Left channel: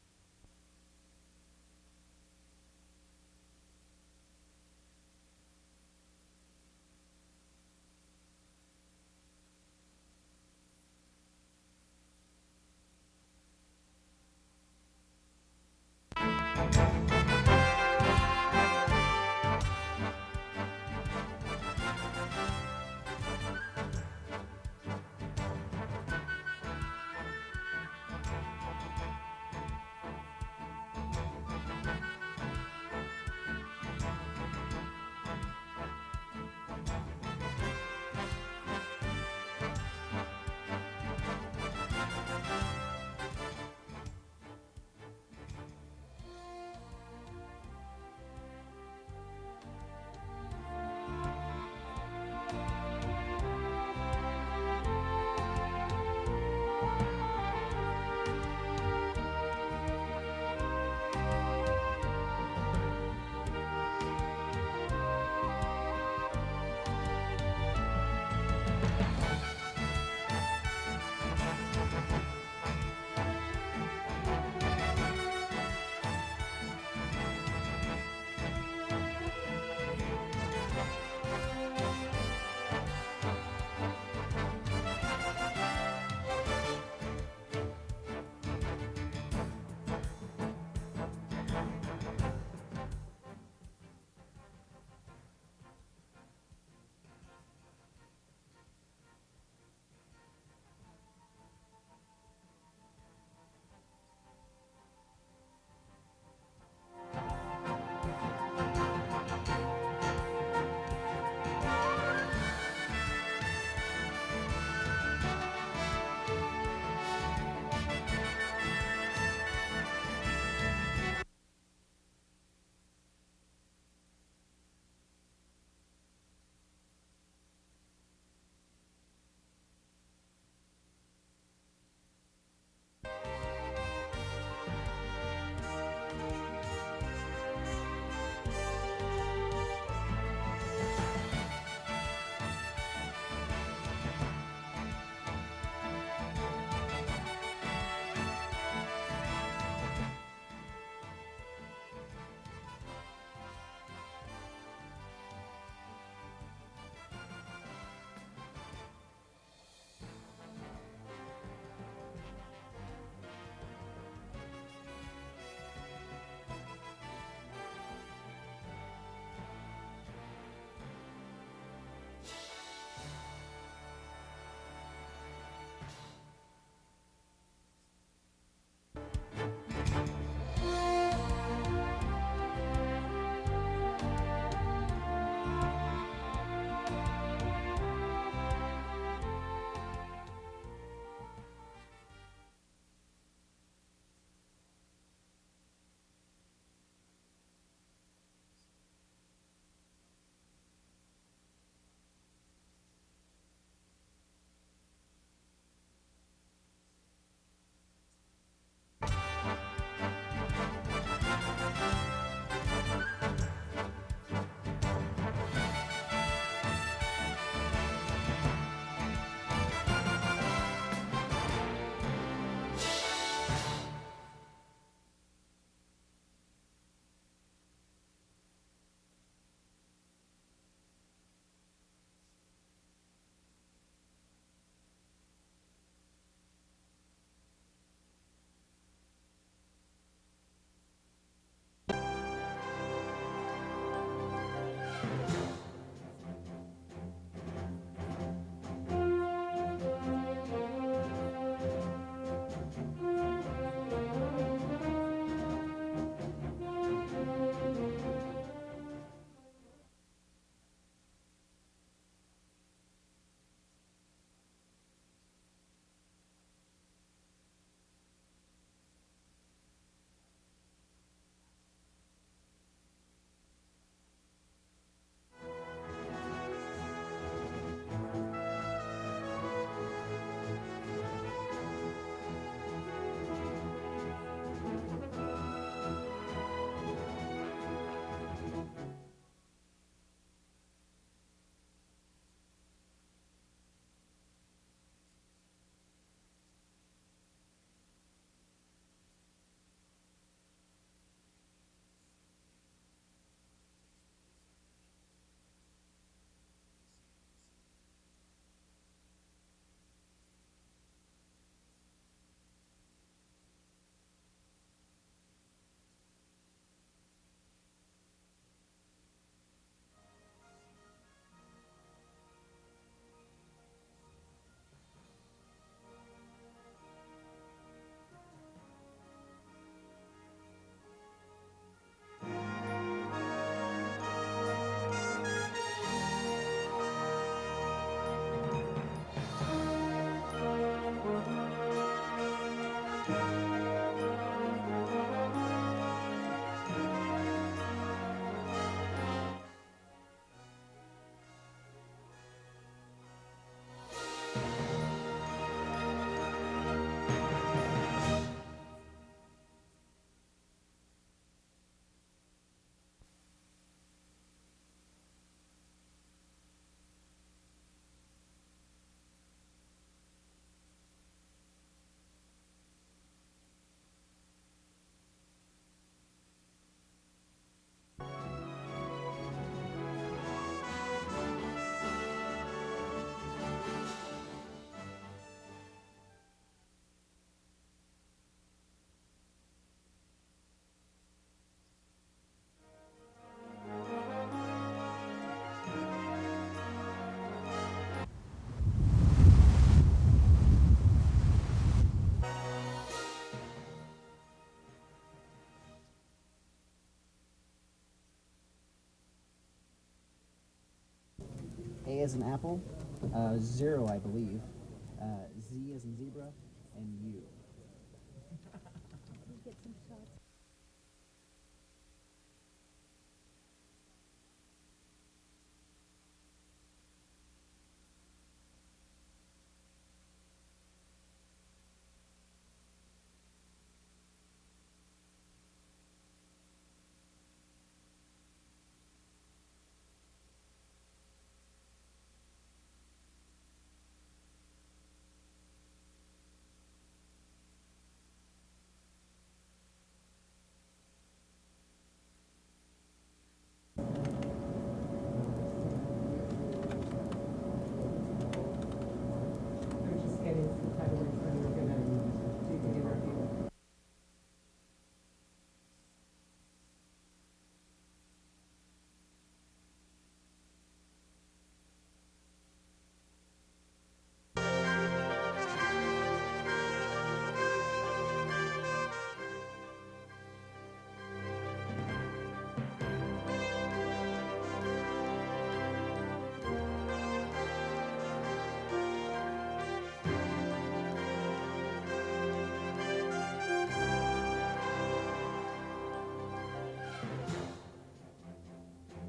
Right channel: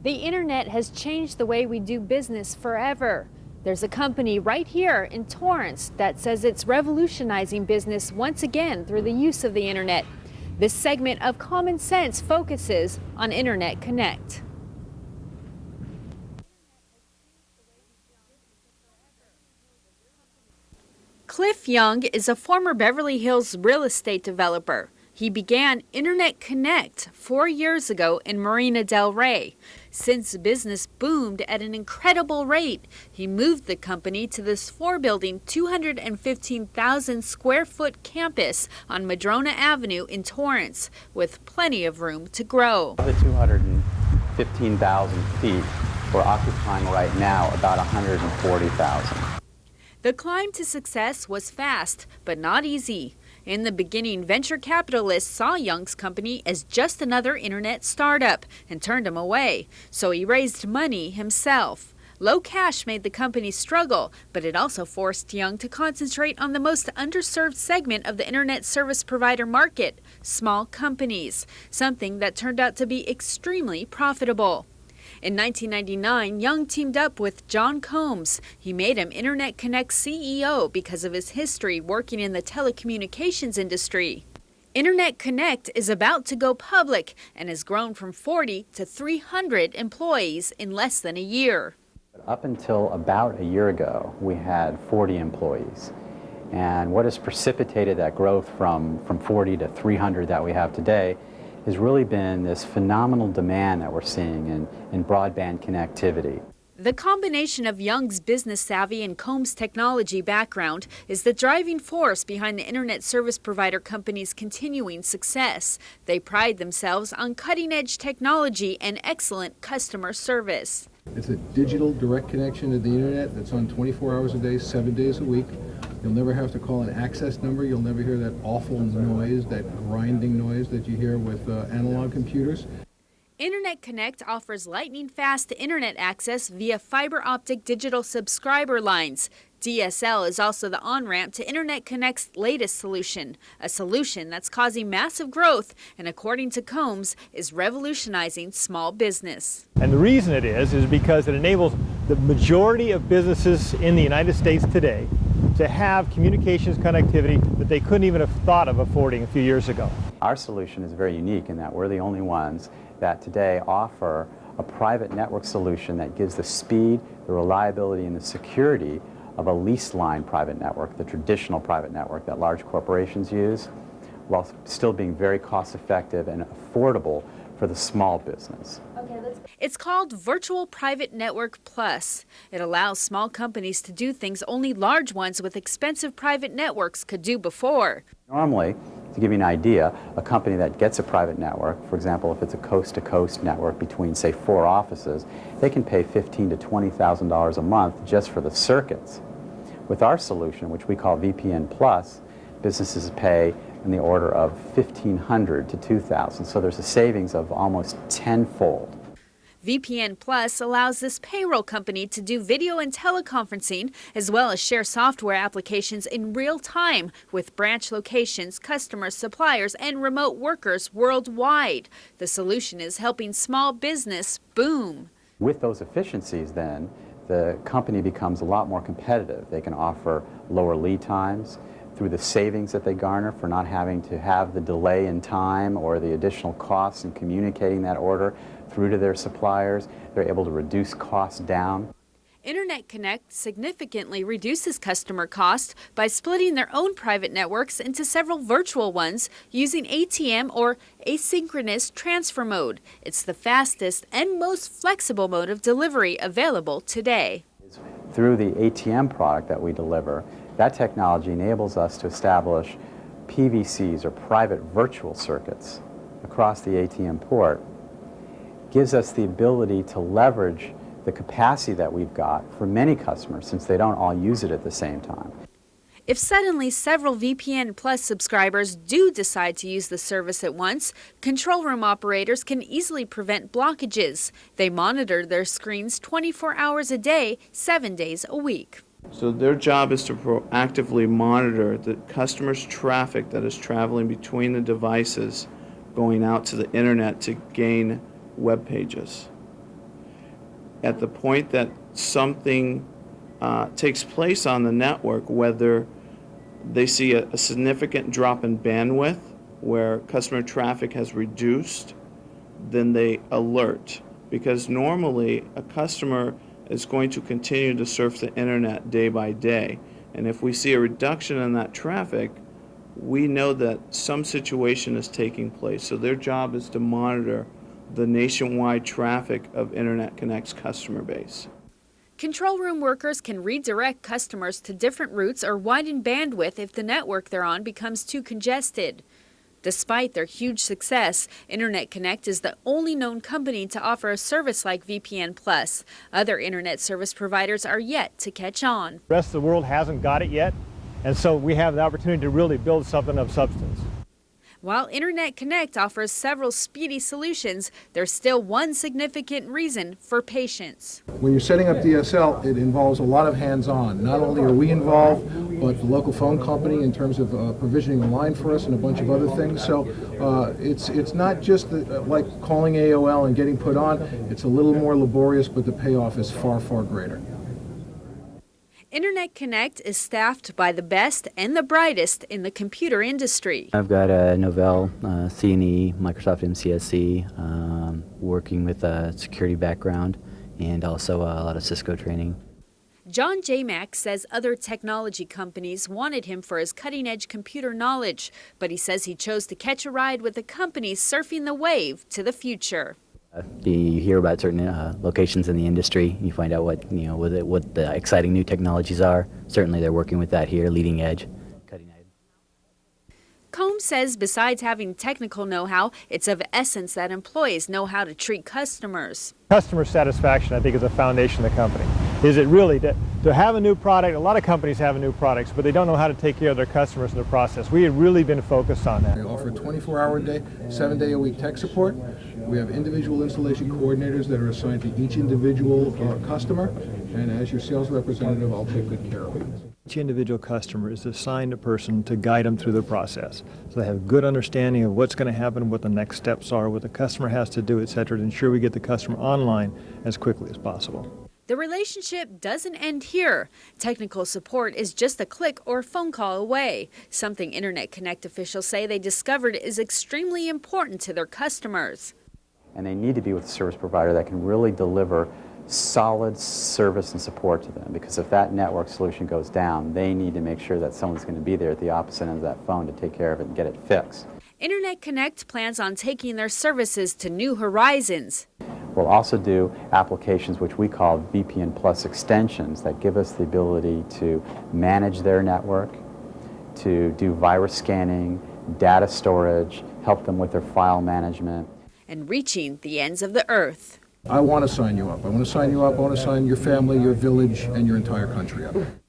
The internet has changed the way we do business forever. There's a company right here in Torrance that says it's revolutionizing business once again through the use of the internet. This segment of Common Sense focuses on Internet Connect. Cliff Young is a former Beverly Hills real estate developer. He began Internet Connect 4 years ago in Marina del Rey. Since business boomed at an incredible rate, he moved the company to this four-building, 215,000 square foot campus on Madrona Avenue in Torrance, with plenty of room to grow. Of the 215,000 feet, we're occupying right now about 140,000. The climb to success was fast, but not easy. In the beginning, venture capitalists saw Young's company as just another internet startup and turned him away, so he raised money himself. Low cash made the company struggle, but it also forced Young to concentrate on the most underserved segment of the internet service provider market, small companies, something that turned out to be extremely profitable. In 1999, Young teamed up with John Combs. He made him Internet Connect CEO because of his history working in the telecommunications industry. Internet Connect is about to go public and has grown from 40 to 300 employees in less than a year. Up until about a year ago, we had 40 employees. And what has precipitated that growth from 40 to 300 that we have today has really been this phenomenal demand that we're seeing in broadband connectivity. The combination of Young's business savvy and Combs' technology background is the driving force behind the internet service provider company's continuing success. They pride themselves on cutting-edge technology and excellent customer service. It's a digital direct connection to the internet that's on 24 hours a day, 7 days a week. You'll never have to call an access number. You'll never hear that awful noise, that grinding noise that you hear with analog computers. Internet Connect offers lightning-fast internet access via fiber optic digital subscriber lines. DSL is also the on-ramp to Internet Connect's latest solution, a solution that's causing massive growth and, according to Combs, is revolutionizing small business. And the reason it is because it enables the majority of businesses in the United States today to have communications connectivity that they couldn't even have thought of affording a few years ago. Our solution is very unique in that we're the only ones that today offer a private network solution that gives the speed, the reliability, and the security of a leased line private network, the traditional private network that large corporations use, while still being very cost effective and affordable for the small business. It's called Virtual Private Network Plus. It allows small companies to do things only large ones with expensive private networks could do before. Normally, to give you an idea, a company that gets a private network, for example, if it's a coast-to-coast network between, say, 4 offices, they can pay $15,000 to $20,000 a month just for the circuits. With our solution, which we call VPN Plus, businesses pay in the order of $1,500 to $2,000, so there's a savings of almost tenfold. VPN Plus allows this payroll company to do video and teleconferencing, as well as share software applications in real time with branch locations, customers, suppliers, and remote workers worldwide. The solution is helping small business boom. With those efficiencies, then, the company becomes a lot more competitive. They can offer lower lead times through the savings that they garner for not having to have the delay in time or the additional costs in communicating that order through to their suppliers. They're able to reduce costs down. Internet Connect significantly reduces customer cost by splitting their own private networks into several virtual ones using ATM or asynchronous transfer mode. It's the fastest and most flexible mode of delivery available today. Through the ATM product that we deliver, that technology enables us to establish PVCs, or private virtual circuits, across the ATM port. Gives us the ability to leverage the capacity that we've got for many customers, since they don't all use it at the same time. If suddenly several VPN Plus subscribers do decide to use the service at once, control room operators can easily prevent blockages. They monitor their screens 24 hours a day, 7 days a week. So their job is to proactively monitor the customer's traffic that is traveling between the devices going out to the internet to gain web pages. at the point that something takes place on the network, whether they see a significant drop in bandwidth where customer traffic has reduced, then they alert. Because normally a customer is going to continue to surf the internet day by day. And if we see a reduction in that traffic, we know that some situation is taking place. So their job is to monitor the nationwide traffic of Internet Connect's customer base. Control room workers can redirect customers to different routes or widen bandwidth if the network they're on becomes too congested. Despite their huge success, Internet Connect is the only known company to offer a service like VPN Plus. Other internet service providers are yet to catch on. The rest of the world hasn't got it yet, and so we have the opportunity to really build something of substance. While Internet Connect offers several speedy solutions, there's still one significant reason for patience. When you're setting up DSL, it involves a lot of hands-on. Not only are we involved, but the local phone company in terms of provisioning a line for us and a bunch of other things. So it's not just like calling AOL and getting put on. It's a little more laborious, but the payoff is far, far greater. Internet Connect is staffed by the best and the brightest in the computer industry. I've got a Novell, C&E, Microsoft MCSE, working with a security background, and also a lot of Cisco training. John J. Mack says other technology companies wanted him for his cutting-edge computer knowledge, but he says he chose to catch a ride with the companies surfing the wave to the future. You hear about certain locations in the industry, you find out what the exciting new technologies are. Certainly they're working with that here, leading edge. A as an apple. Combs says besides having technical know-how, it's of essence that employees know how to treat customers. Customer satisfaction, I think, is the foundation of the company. Is it really to have a new product? A lot of companies have new products, but they don't know how to take care of their customers in the process. We have really been focused on that. We offer 24-hour-a-day, 7-day-a-week tech support. We have individual installation coordinators that are assigned to each individual customer, and as your sales representative, I'll take good care of it. Each individual customer is assigned a person to guide them through the process. So they have a good understanding of what's going to happen, what the next steps are, what the customer has to do, etc., to ensure we get the customer online as quickly as possible. The relationship doesn't end here. Technical support is just a click or phone call away, something Internet Connect officials say they discovered is extremely important to their customers. And they need to be with a service provider that can really deliver solid service and support to them, because if that network solution goes down, they need to make sure that someone's going to be there at the opposite end of that phone to take care of it and get it fixed. Internet Connect plans on taking their services to new horizons. We'll also do applications which we call VPN Plus extensions that give us the ability to manage their network, to do virus scanning, data storage, help them with their file management. And reaching the ends of the earth. I want to sign you up. I want to sign you up. I want to sign your family, your village, and your entire country up.